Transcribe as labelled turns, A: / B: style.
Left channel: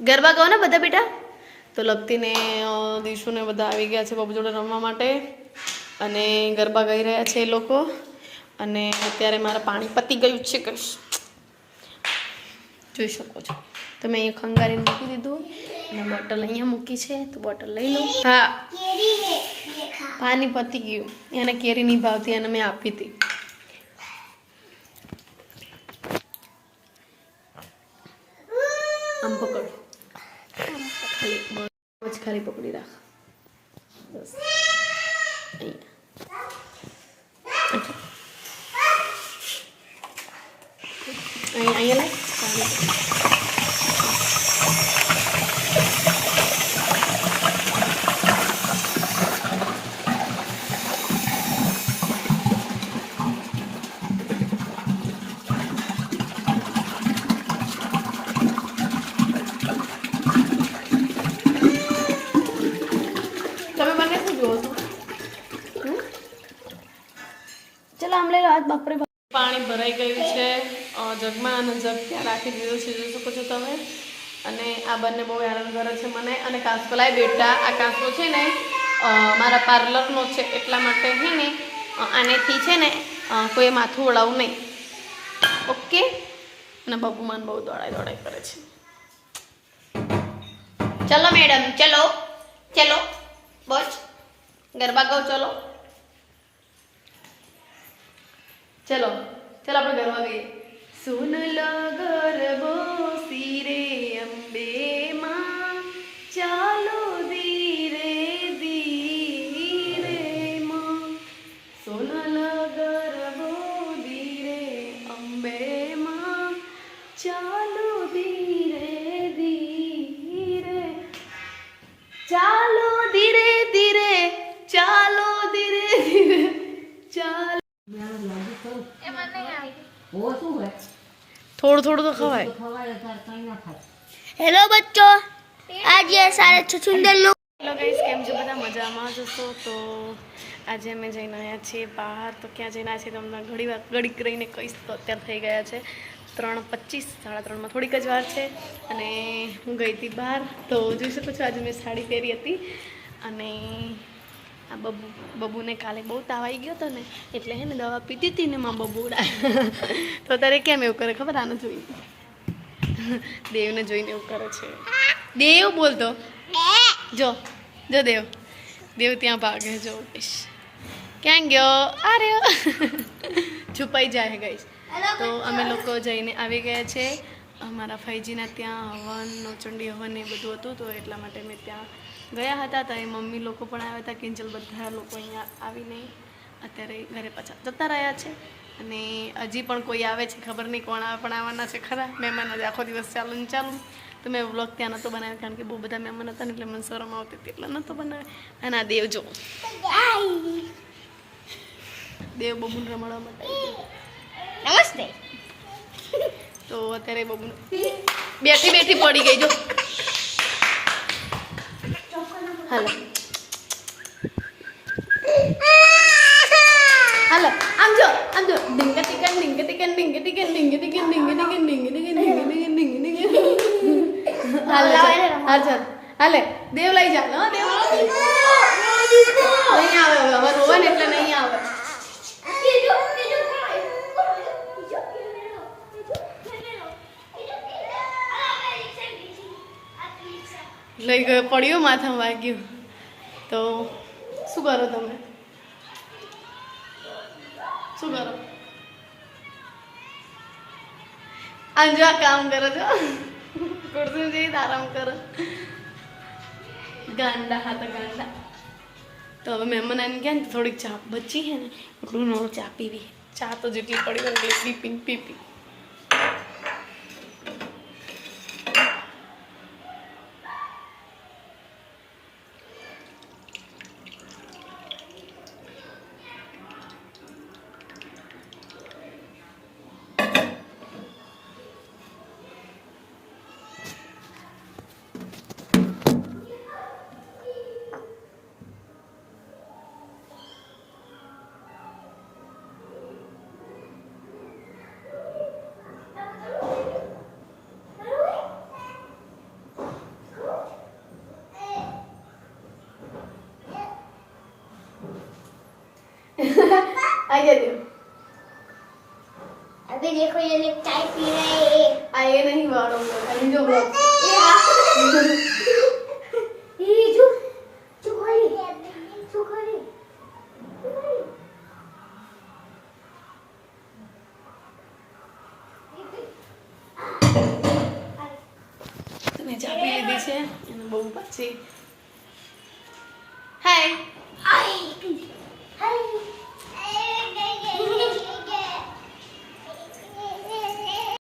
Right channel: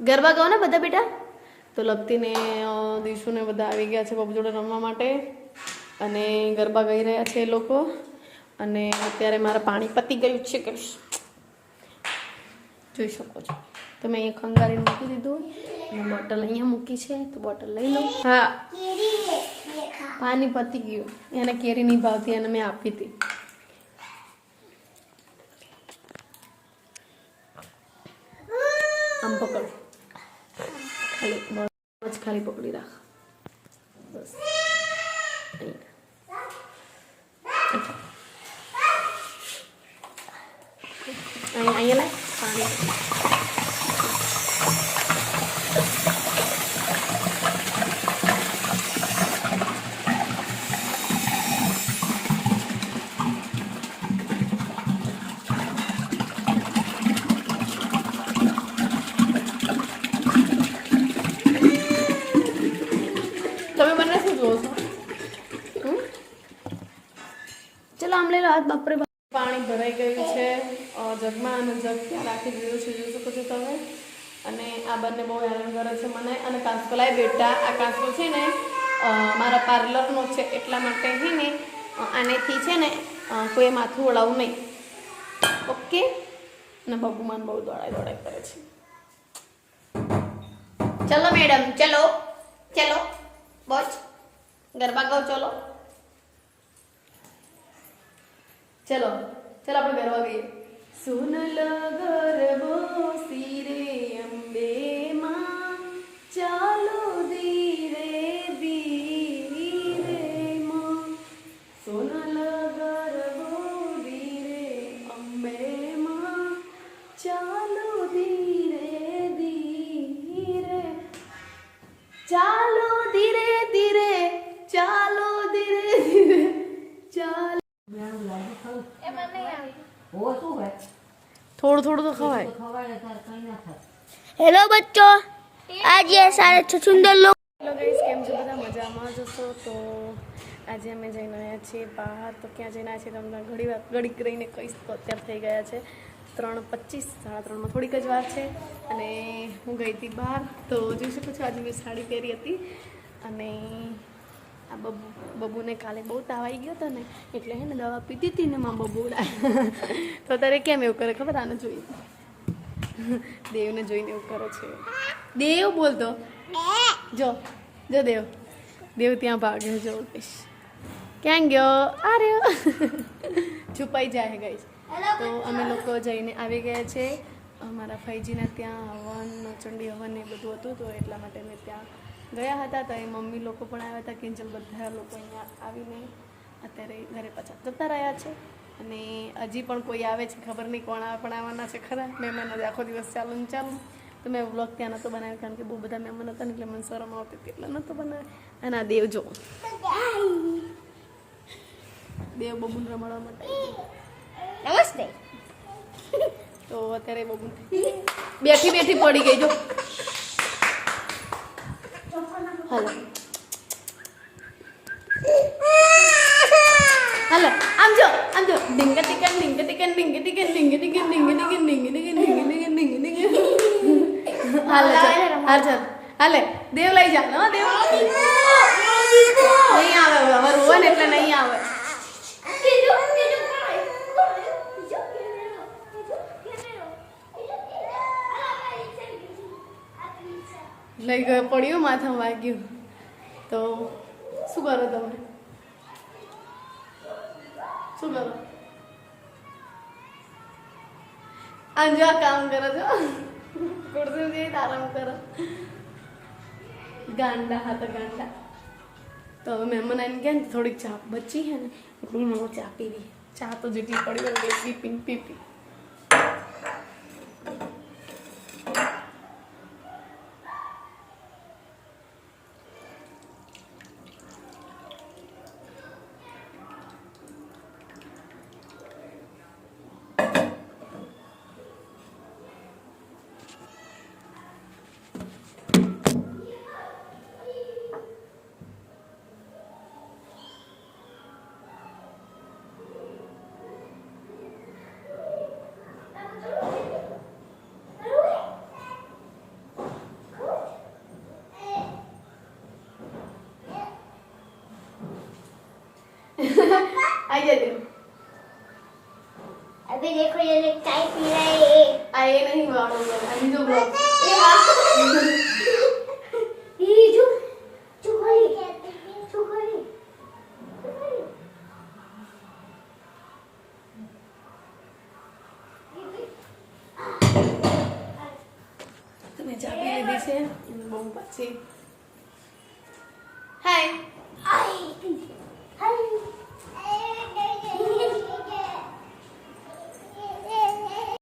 A: ગરબા ગાઓ ને બધા બેટા? તો લપતીને દીશુને બધા આવી ગયા છે બાબુ જોડે રમવા માટે. અને ગરબા ગાઈ રહ્યા છે એ લોકો. અને અત્યારે મારે પાણી પતી ગયું છે કશ જોઈ શકો છો. તો મેં અહીંયા ખંગારીને મૂકી દીધું. અને બોટલ અહીંયા મૂકી છે, તો બોટલ લઈ લો હા. પાણી પતી ગયું. એને કેરી નહીં ભાવતી, એને મેં આપી હતી. આમ પકડ. ખાલી જ ખાલી પકડી રાખ. બસ. અહીંયા. અહીંયા લાય. પાણી તમે મને શું જુઓ છો હમ? હાથ બાપરે બાપ. પાણી ભરાઈ ગયું છે. જગમાં અને જગ ત્યાં રાખી દીધું છે જોઈ શકો છો તમે. અને આ બંને બહુ હેરાન કરે છે મને. અને કાંસકો લાવી બેટા આ કાંસકો છે ને મારા પાર્લરનો છે એટલા માટે છે ને આનેથી છે ને કોઈ માથું ઓળાવું નહીં. ઓકે? અને બબુમાન બહુ દોડાઈ દોડાઈ કરે છે. ચલો મેડમ, ચલો. ચલો. બસ ગરબા ગાઓ ચલો. ચલો ચલો આપણે ગરબા ગઈએ સુન લો ગરબો સિરે અંબે. થોડું થોડું તો ખવાય.
B: હેલો બચ્ચો. આજે સારા છ સુંદર લોક
A: હેલો ગાઈસ કેમ છો? બધા મજામાં જશો તો આજે અમે જઈને આવ્યા છીએ બહાર. તો ક્યાં જઈને આવ્યા છીએ તમને ઘડી વાર ઘડીક રહીને કહીશ તો અત્યારે થઈ ગયા છે ત્રણ પચીસ સાડા ત્રણમાં થોડીક જ વાર છે. અને હું ગઈ હતી બહાર. તો જોઈ શકો છો આજે મેં સાડી પહેરી હતી. અને આ બબુ બબુને કાલે બહુ તાવ આવી ગયો હતો ને, એટલે હે ને દવા પીતી હતી ને માં બબુડા તો તારે કેમ એવું કરે ખબર આને જોઈ દેવને જોઈને એવું કરે છે. દેવ બોલતો. જો જો દેવ. દેવ ત્યાં ભાગે, જો ગઈશ ક્યાં ગયો? આ રહ્યો છુપાઈ જાય ગઈશ. તો અમે લોકો જઈને આવી ગયા છે. અમારા ફૈજીના ત્યાં હવનનો ચંડી હવન એ બધું હતું તો એટલા માટે મેં ત્યાં ગયા હતા તો એ મમ્મી લોકો પણ આવ્યા હતા કિંજલ બધા લોકો અહીંયા આવીને અત્યારે ઘરે પાછા જતા રહ્યા છે. અને હજી પણ કોઈ આવે છે ખબર નહીં કોણ પણ આવવાના છે ખરા. મહેમાન આજે આખો દિવસ ચાલુ ને ચાલુ. તો મેં વ્લોગ ત્યાં નહોતો બનાવ્યો કારણ કે બહુ બધા મહેમાન હતા ને એટલે મને શરમ આવતી હતી એટલે નહોતો બનાવ્યો. અને આ દેવ જો. દેવ બબુને માટે.
B: નમસ્તે.
A: તો અત્યારે બબુ બેઠી બેઠી પડી ગઈ જો. હાલો. હાલો આમ જો આમ જો. ડીંગ ટીકન ડીંગ ટીકન ડીંગ ટીકન ડીંગ ટીકન ડીંગ ટીકન ડીંગ ટીકન ડીંગ ટીકન ડીંગ ટીકન હાલે હાલ ચાલ હાલે દેવ લઈ જા. હો દેવ. નહીં આવે હવે રોવે ને એટલે નહીં આવે. લઈ ગયો પડ્યું માથામાં વાગ્યું. તો શું કરો તમે? શું કરો? અંજુ આ કામ કરો છો. કુર્સી જઈ આરામ કરો. ગાંડા હા તો ગાંડા. તો હવે મહેમાન આવીને ગયા ને થોડીક ચા બચી છે ને, એટલું ચા પીવી. ચા તો જેટલી પડી હોય એટલી પી પી आइए
B: अभी देखो ये लोग चाय पी रहे हैं
A: आइए नहीं मारो अभी जो ब्लॉग
B: ये जो
A: चुकोली चुकोली তুমি যাবে এদিকে বউ পাচ্ছি হাই
B: হাই হাই